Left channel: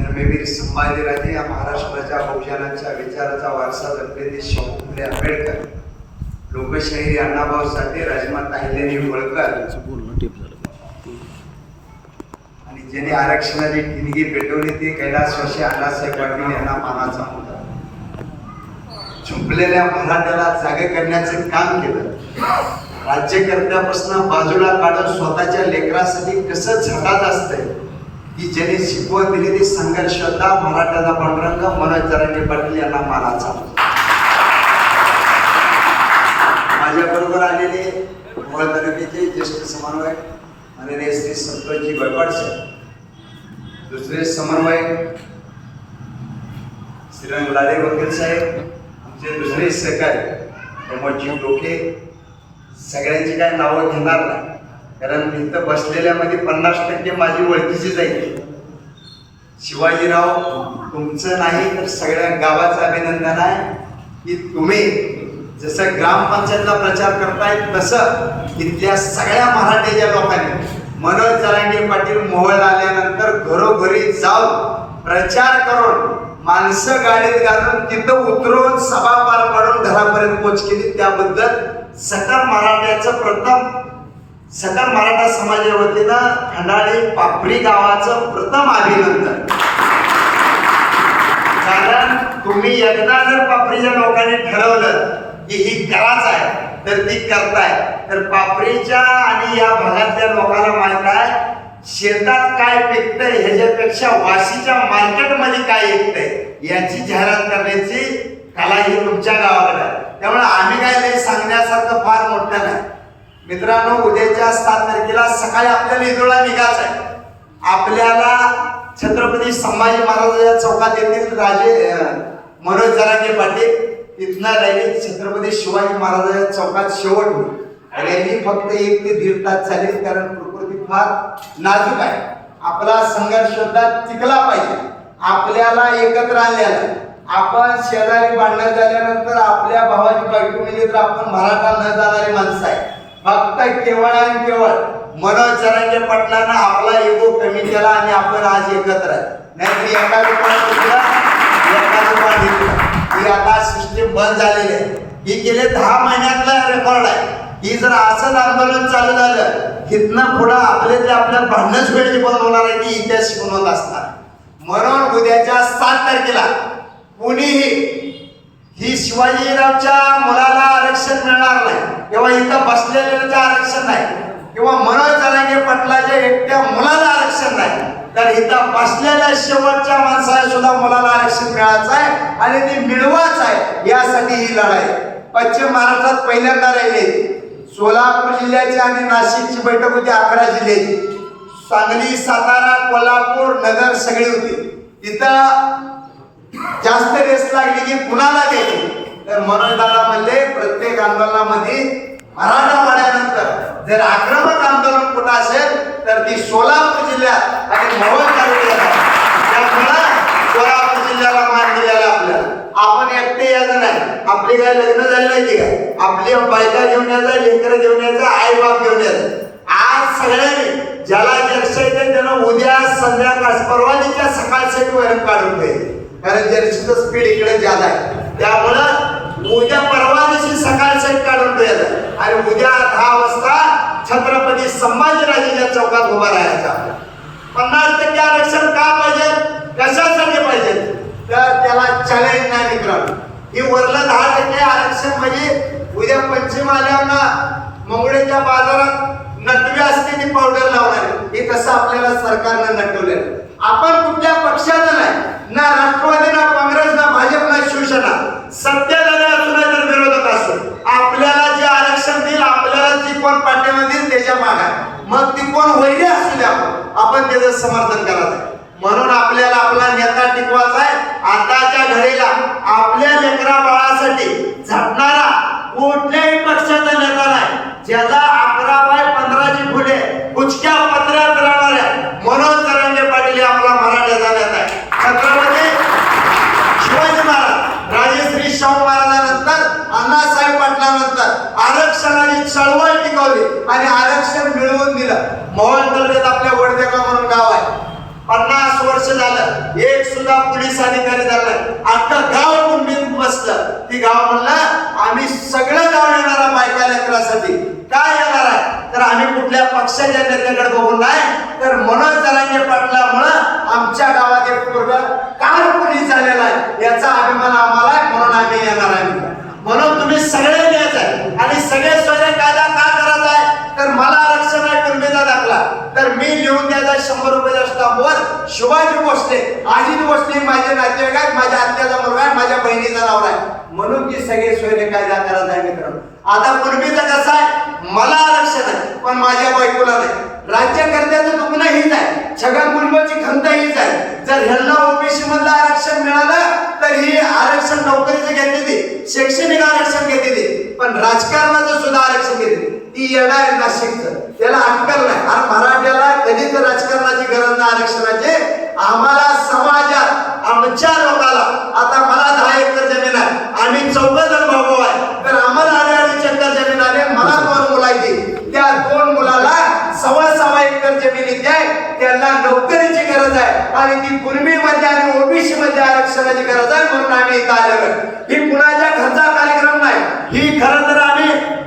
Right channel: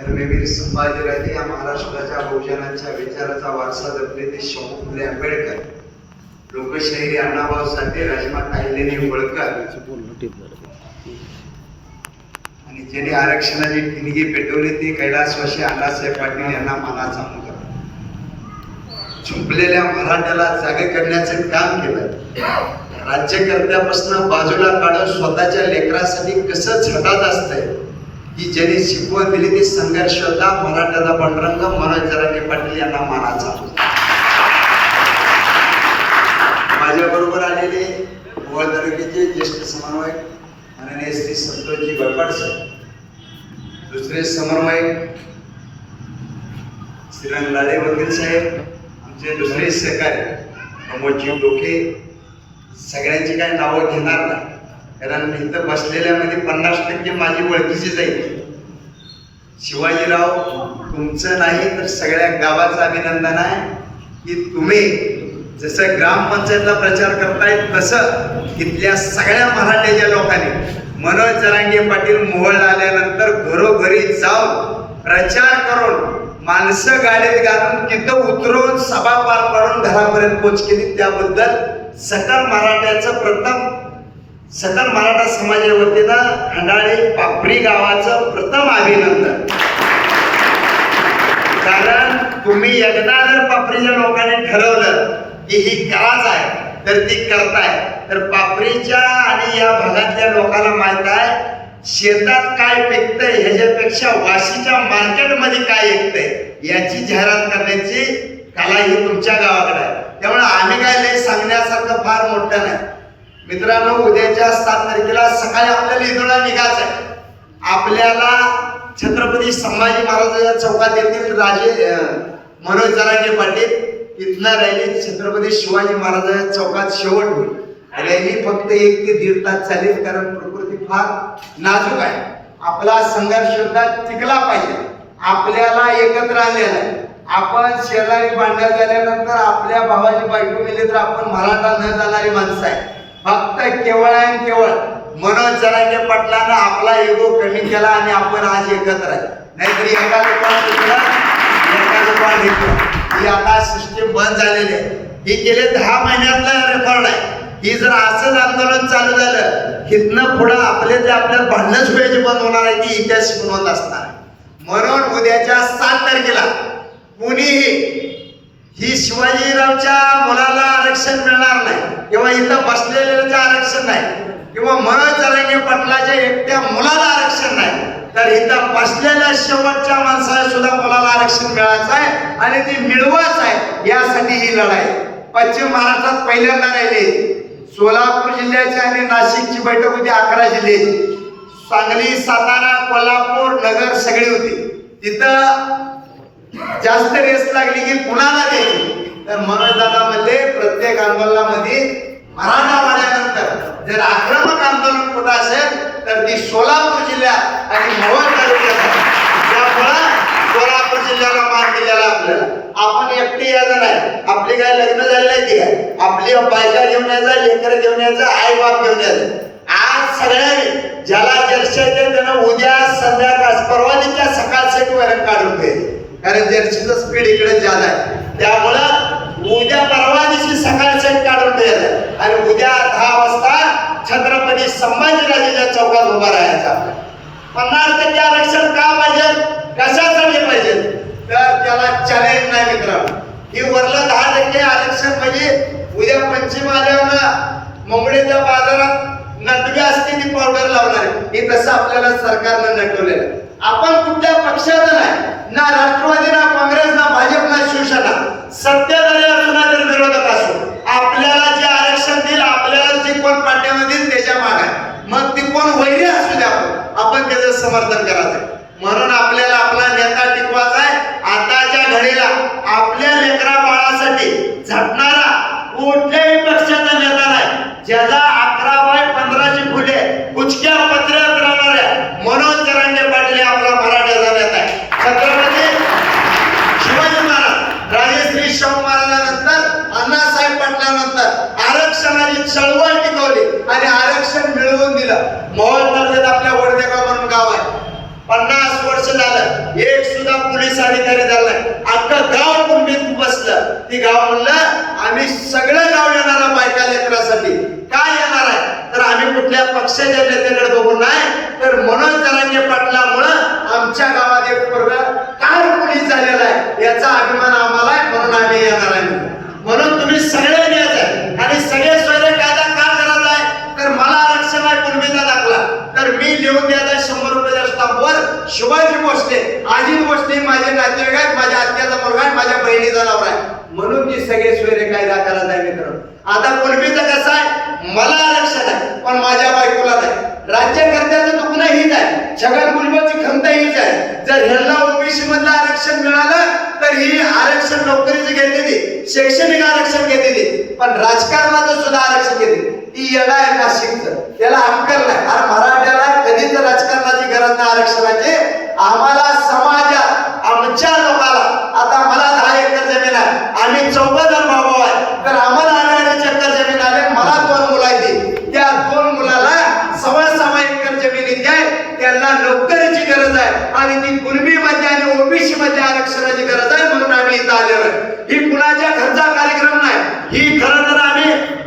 धर्मवीर संभाजीराजे या महाराष्ट्राच्या बहुजनांच्या विचाराचा वारसा जपलेले शाहू फुले आंबेडकर लोकशाही अण्णाभाऊ साठे राजमा अहिल्यादेवी होळकर आणि ज्यांनी आरक्षणाची ठिणगी पेटवली ती कैलासवाशी अण्णासाहेब पाटील यांना मानाचा मुलगा झुंपलेल्या मराठ्याला जागे करण्याचे काम केलं राज्यकर्त्यापासून बाजूला काढून स्वतःच्या लेकरासाठी कसं झटात असतंय की ज्याने शिकवण दिली ती संघर्ष मराठ्याचा पांडुरंग मनोज जरांगे पाटील यांना मानाचा. माझ्याबरोबर आलेले मोहोळ तालुक्याचे ज्येष्ठ समन्वयक माननीय श्री संतोषजी गळपाट साहेब दुसरे समन्वयक श्रीरंग लाले वकील साहेब आमचे दुसरे सहकारी प्रमोदजी डोके सगळ्यांची काय नावं घेणार नाही. कारण इथं बसलेल्यामध्ये पन्नास टक्के माझी ओळखीचीच आहे शिवाजीराव तुमचं नाही तर सगळ्या गावाचं अभिनंदन आहे की तुम्ही जसं ग्रामपंचायतला प्रचार करताय तसं इथल्या सगळ्या मराठ्याच्या लोकांनी मनोज जरांगे पाटील मोहळ आल्यानंतर घरोघरी जाऊन प्रचार करून माणसं गाडीत घालून तिथं उतरून सभा पार पाडून घरापर्यंत पोच केली. त्याबद्दल सकल मराठ्याचं प्रथम सकल मराठा समाजा वतीनं खंडाळी पापरी गावाचं प्रथम अभिनंदन. कारण तुम्ही एकदा जर पापरीच्या लोकांनी ठरवलं की ही कराच आहे तर ती करताय. तर पापरीच्या आणि या भागातल्या लोकांना माहीत आहे शेतात काय पिकतंय ह्याच्यापेक्षा वाशीच्या मार्केटमध्ये काय विकतंय याची जाहिरात करण्याची कला ही तुमच्या गावाकडे आहे. त्यामुळे आम्ही काय लय सांगण्यासारखं फार मोठं नाही. मित्रांनो उद्याच्या सात तारखेला सकाळी आपल्याला इदोळा निघायचं आहे आपल्याला छत्रपती संभाजी महाराजांच्या चौकात येथील राजे मनोज जरांगे पाटील इथनं रॅली छत्रपती शिवाजी महाराजांच्या चौकात शेवट. होईल रॅली फक्त एक ते दीड तास चालेल कारण प्रकृती फार नाजूक आहे. आपला संघर्ष सुद्धा टिकला पाहिजे. आपल्याला एकत्र आणलेला आहे. आपण शेजारी भांडण झाल्यानंतर आपल्या भावाची बायको मिली तर आपण मराठा न जाणारी माणसं आहे. फक्त केवळ आणि केवळ मनोज जरांगे पाटलानं आपला एगो कमी केला आणि आपण आज एकत्र आहे. नाहीतरी एका दुकानात घेतला एका दुकानात इकडं ही आता सिस्टीम बंद झालेली आहे. ही गेले दहा महिन्यातला रेकॉर्ड आहे. ही जर असंच आंदोलन चालू झालं हिथनं पुढं आपले ते आपल्याला भांडणच व्हायची बंद होणार आहे ती इतिहास शिकवत असणार आहे. म्हणून उद्याच्या सात तारखेला कुणीही ही शिवाजीरावच्या मुलाला आरक्षण मिळणार नाही. किंवा इथं बसलेल्याचं आरक्षण नाही. किंवा मनोज जरांगे पटलाच्या एकट्या मुलाला आरक्षण नाही. तर इथं बसलेल्या शेवटच्या माणसाला सुद्धा मुलाला आरक्षण मिळायचं आहे आणि ती मिळवाच आहे. यासाठी ही लढाई. पश्चिम महाराष्ट्रात पहिल्यांदा राहिली. सोलापूर जिल्ह्याची आणि नाशिकची बैठक होती अकरा जिल्ह्याची. सांगली सातारा कोल्हापूर नगर सगळी होती. तिथं जास्त रेस लागली की कुणाला द्यायची तर मनोज दादा म्हणले प्रत्येक आंदोलनामध्ये मराठा वाड्यानंतर जर आक्रमक आंदोलन कुठं असेल तर ती सोलापूर जिल्ह्यात आणि मोहन तालुक्यात त्यामुळं सोलापूर जिल्ह्याला मान दिलेला आपल्याला. आपण एकटे यायचं नाही आपली काय लग्न झालं की काय? आपली बायका घेऊन यायचं लेकरं घेऊन यायचं आई बाप घेऊन यायचं. आज सगळ्यांनी ज्याला जर्सी येते त्यानं उद्या संध्याकाळ परवानीच्या सकाळ सेट वरण काढून घ्यायचं कारण जर्सीचं स्पीड इकडे ज्यादा आहे. त्यामुळं उद्या परवा दिवशी सकाळ सेट काढून ठेवलं आणि उद्या दहा वाजता छत्रपती संभाजीराजेच्या चौकात उभा राहायचा. पन्नास टक्के आरक्षण का पाहिजे? कशासाठी पाहिजे. तर त्याला चॅलेंज नाही मित्रांनो. ही वरलं दहा टक्के आरक्षण म्हणजे उद्या पंचम आल्यावर मंगळेच्या बाजारात नटवी असते ती पावडर लावणार आहे. हे तसं आपल्याला सरकारनं नटवलेलं आपण कुठल्या पक्षाचं नाही ना राष्ट्रवादी ना काँग्रेस ना भाजप ना शिवसेना सत्तेधारी असो ना तर विरोधक असो आपल्याला जे आरक्षण देईल आपल्याला जे कोण पाठ्यामध्ये देईल त्याच्यामागे आहे. मग ती कोण वैरी असू द्या आपण आपण त्याचं समर्थन करायचं आहे. म्हणून आपल्याला आपला नेता टिकवायचा आहे. आताच्या घडीला आपल्या लेकरा बाळासाठी झटणारा कुठल्याही पक्षाचा नेता नाही. ज्याला अकरा बाय पंधराची फुले कुचक्या पत्रात राहणाऱ्या मनोज जरांगे पाटील हे आपला मराठ्याचा नेता आहे. छत्रपती शिवाजी महाराज राजेश्री शाहू महाराजानंतर अण्णासाहेब पाटलानंतर आरक्षणाची चळवळ टिकवली आणि आरक्षण मिळवून दिलं मोहोळ तालुक्यात आपल्या वडदेगाव म्हणून गाव आहे पन्नास वर्ष झालं एक पोलीस अधिकारी झालाय. अख्खं गाव कुणबीत बसलं. ती गाव म्हणलं आम्ही सगळं गाव येणार बायका लेकरासाठी. काय येणार आहे? तर आम्ही कुठल्या पक्षाच्या नेत्याकडे बघून नाही तर मनोज जरांगे पाटलामुळं आमच्या गावात एक पोरग कार पोलीस झालेला आहे. याचा अभिमान आम्हाला आहे म्हणून आम्ही येणार आहे म्हणून. तुम्ही सगळे न्यायचं आहे. आणि सगळे स्वयं कायदा का करायचा आहे? तर मला आरक्षण आहे कुणबीचा दाखला. तर मी लिहून द्यायचा शंभर रुपयाच्या स्टॉपवर शिवाजी भोसले अजित भोसले माझे नातेवाईक आहेत माझ्या आत्याचा मुलगा आहे माझ्या बहिणीचा नवरा आहे. म्हणून ती सगळे सोयरे कायदा करायचा आहे मित्रांनो. आता कुणबीचं कसं आहे? मला आरक्षण आहे पण माझ्या बायकोला नाही. राज्यकर्त्याचं दुखणं हीच आहे. छगन भुजबळची खंत हीच आहे. जर ह्यांना ओबीसी मधलं आरक्षण मिळालं तर ही आरक्षण नोकरीचं घेतलेली शैक्षणिक आरक्षण घेतलेली पण राजकारणाचं सुद्धा आरक्षण घेतली ती येणार नाशिकचं. त्याला आरक्षणाचे आम्हाला समाजात आमच्या लोकाला आता मला दहा एकर जमीन आहे. आम्ही चौघ जण भाऊ आहे. तर आम्हाला अडीच एकर जमीन आले मला दोन मुलं आहेत. त्या दोन मुलाला सव्वा सव्वा एकर जमीन इथे आहे. त्यांना नोकरीची गरज आहे. आणि ती कुणबी मध्ये आणि ओबीसी मध्ये आरक्षणाची गरज आहे म्हणून आम्ही इथं आलेलो ही कुणाच्या घरचा कार्यक्रम नाही. ही खरं तर आम्ही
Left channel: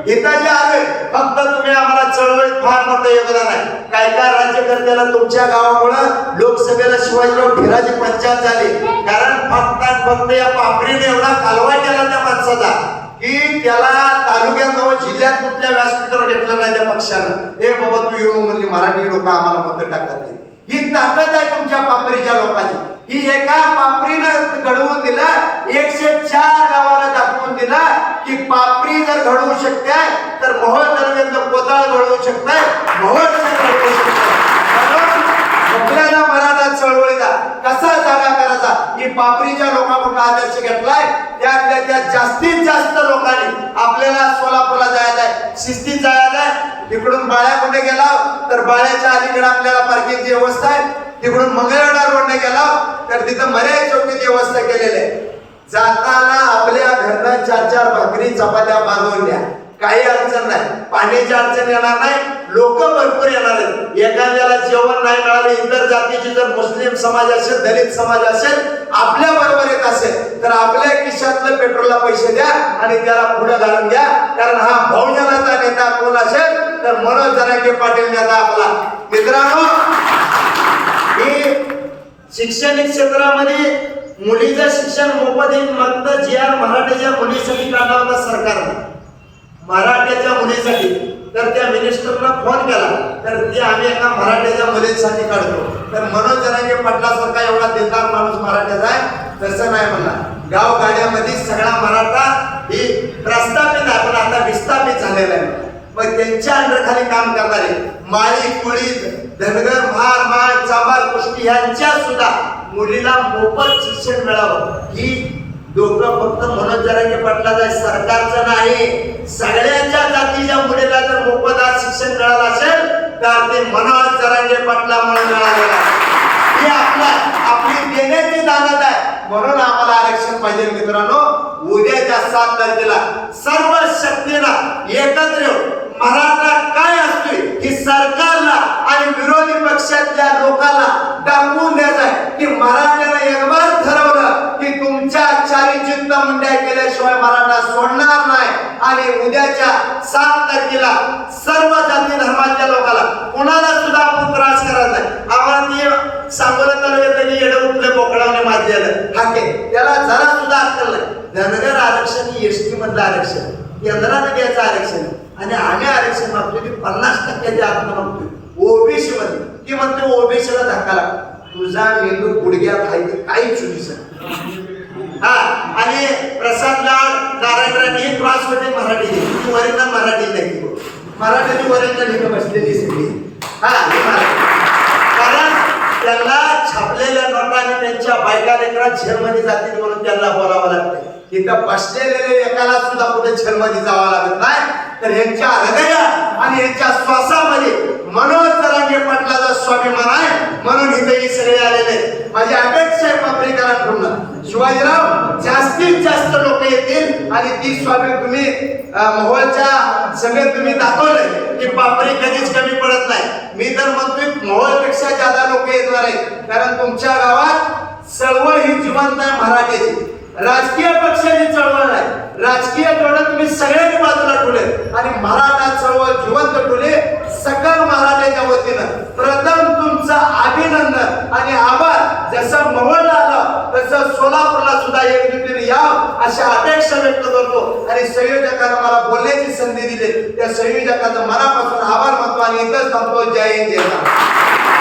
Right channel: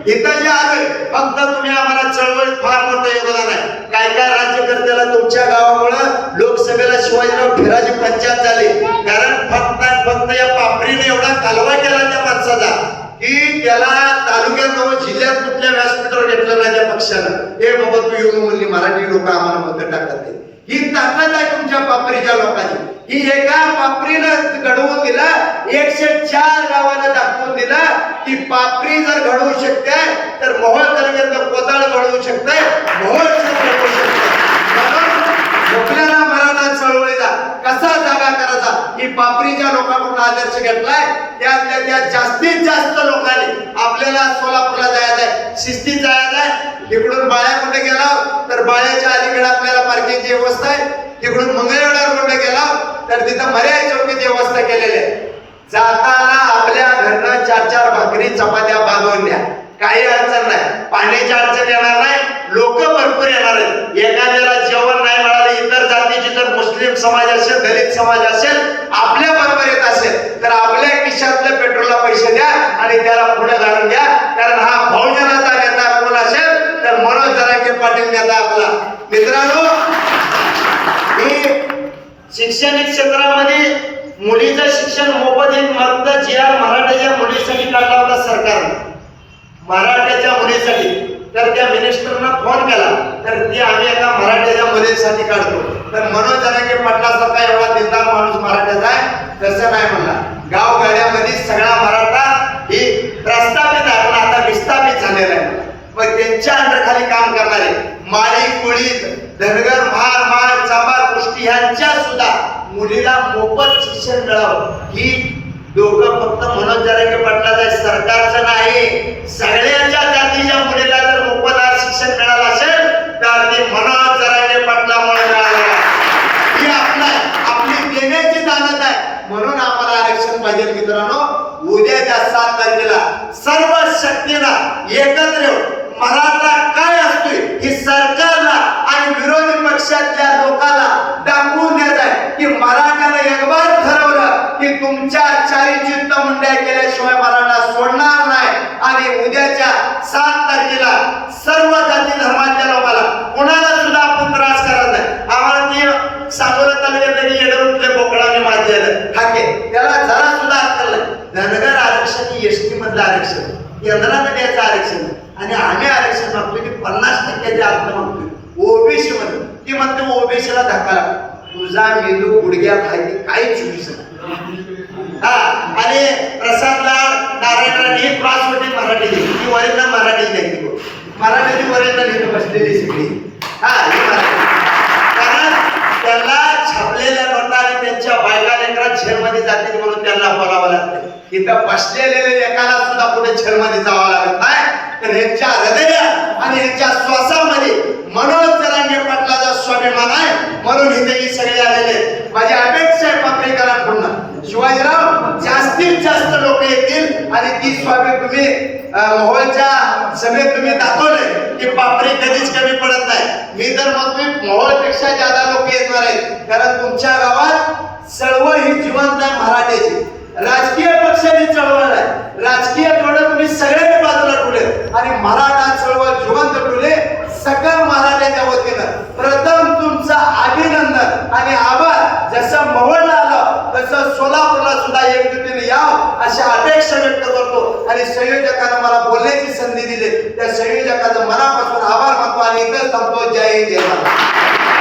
इथं जे आलोय फक्त तुम्ही आम्हाला चळवळीत फार मोठं योगदान आहे. काय काय राज्यकर्त्याला तुमच्या गावामुळं लोकसभेला शिवाजीराव फिराजी पंचायत झाली. कारण फक्त फक्त या पापरीने एवढा कालवा केला त्या माणसाचा की त्याला तालुक्यात जिल्ह्यात कुठल्या व्यासपीठावर घेतलं नाही त्या पक्षानं. हे बाबा तू येऊन म्हणली मराठी लोक आम्हाला मत टाकतात ही ताकद आहे तुमच्या पापरीच्या लोकांची. ही एका पापरीनं घडवून दिला एकशे चार गावाला दाखवून दिला ती पापरी जर घडवू शकते तर मोहळ तालुक्यातलं कोताळ घडवू शकते मोहळ घडवू शकते आपल्याला मराठा चळवळीचा कसा जागा करायचा? ही पापरीच्या लोकांकडून आदर्श घेतलाय? त्यातल्या त्या जास्तीत जास्त लोकांनी आपल्याला सोलापूरला जायचं आहे शिस्तीत जायचं आहे बाळ्या कुठे गेला तर बाळ्याच्या अलीकडे आपल्याला पार्किंगची व्यवस्था आहे. तिकडून मंगळवेढा रोडने गेला तर तिथं मर्याद चौकीची व्यवस्था केलेली आहे. जाताना आपल्या घरनं चार चार भाकरी चपात्या बांधून द्या. काही अडचण नाही. पाण्याची अडचण येणार नाही. लोक भरपूर येणार आहेत. एखाद्याला जेवण नाही मिळालं इतर जातीची जर मुस्लिम समाज असेल दलित समाज असेल आपल्या बरोबर येत असेल तर आपल्या खिशातलं पेट्रोलला पैसे द्या आणि त्याला पुढे घालून द्या कारण हा बहुजनाचा नेता कोण असेल तर मनोज जरांगे पाटील नेता आपला. मित्रांनो ही शैक्षणिक क्षेत्रामध्ये मुलीचं शिक्षण मोफत येईल मग जी आर मराठीच्या मुलीसाठी काढला होता सरकारने मराठ्याच्या मुलीसाठी. तर त्या मिनिस्टरना फोन केला. तर ते आम्ही एका मराठ्याच्या मुलीसाठी काढतो. तर मनोज जरांगे पाटलासारखा एवढा दिलदार माणूस मराठ्याचा आहे. तसं नाही म्हणला गाव गाड्यामध्ये सगळा मराठा ही प्रस्थापित आहे. पण आता विस्थापित झालेला आहे. मग त्यांच्या अंडरखाली काम करणारे माळी कुळीत धनगर महार माळ चांबार यांच्या सुद्धा मुलीला मोफत शिक्षण मिळावं. ही लोक फक्त मनोज जरांगे पाटलाचं आहे, सरकारचं नाही. सगळ्यांच्या जातीच्या मुलीला जर मोफत आज शिक्षण मिळालं असेल तर ते मनोज जरांगे पाटलामुळे मिळालेलं आहे ही आपला आपली देण्याची दानत आहे. म्हणून आम्हाला आरक्षण पाहिजे मित्रांनो. उद्याच्या सात तारखेला सर्व शक्तीला एकत्र येऊन मराठा काय असतोय ही सरकारला आणि विरोधी पक्षातल्या लोकाला दाखवून द्यायचं आहे की मराठ्यानं एक ठरवलं की तुमच्या चारी चित्त मंडळ केल्याशिवाय मराठा सोडणार नाही. आणि उद्याच्या सात तारखेला सर्व जाती धर्मातल्या लोकाला कोणाला सुद्धा आपण त्रास करत नाही. आम्हाला ती सांगोला तालुक्यात त्यांनी येडं उठले बोकडाने माजलेलं हाके त्याला जरा सुद्धा अक्कल धनगर आरक्षण ही एसटी मधलं आरक्षण. केंद्राने द्यायचं आरक्षण. आणि आम्ही आरक्षण मागतो की पन्नास टक्क्याच्या आत मागतोय ती म्हणते ओबीसीला धक्का लागतो. तुझा मेंदू गुडघ्यात आहे ते काही चुकीचं हा आणि प्रसाद लाड नारायण हे त्रास होते मराठीचे ती वरिंदा मराठी नाही मराठीची वरिंदा इथं बसलेली सगळी. हा कारण त्यांना छापलेल्या नोटा आणि त्यांच्या बायका लेकरा झेलमध्ये जातील म्हणून त्यांना बोलावं लागतं. इथं बसलेले एकाला सुद्धा कुठे झेलमध्ये जावं लागत नाही. तर यांच्या हृदया आणि यांच्या श्वासामध्ये मनोज जरांगे पाटलाचा स्वाभिमान आहे म्हणून इथे ही सगळे आलेले आहेत. माझी अपेक्षा आहे पापरीकरांकडून. शिवाजीराव जास्तीत जास्त लोक येतील आणि ती स्वामी तुम्ही अं, मोहोळच्या सभेत तुम्ही दाखवले की पापरी कधीच कमी पडत नाही. मी तर म्हणतोय मोहोळपेक्षा जादा लोक येणार आहेत. कारण तुमच्या गावात चळवळ ही जिवंत आहे मराठीची. राजकीय पक्षाची चळवळ आहे राजकीय धोरण तुम्ही सगळ्यांनी बाजूला ठेवले आणि मराठा चळवळ जिवंत ठेवले सकल वतीनं प्रथम तुमचं अभिनंदन आणि आभार. जसं मवळला आलं तसं सोलापूरला सुद्धा एकजुटीने याव अशा अपेक्षा व्यक्त करतो. आणि संयोजकांना मला बोलण्याची संधी दिली. त्या संयोजकांचा मनापासून आभार मानतो आणि इतर संपतो. जय जय महाराज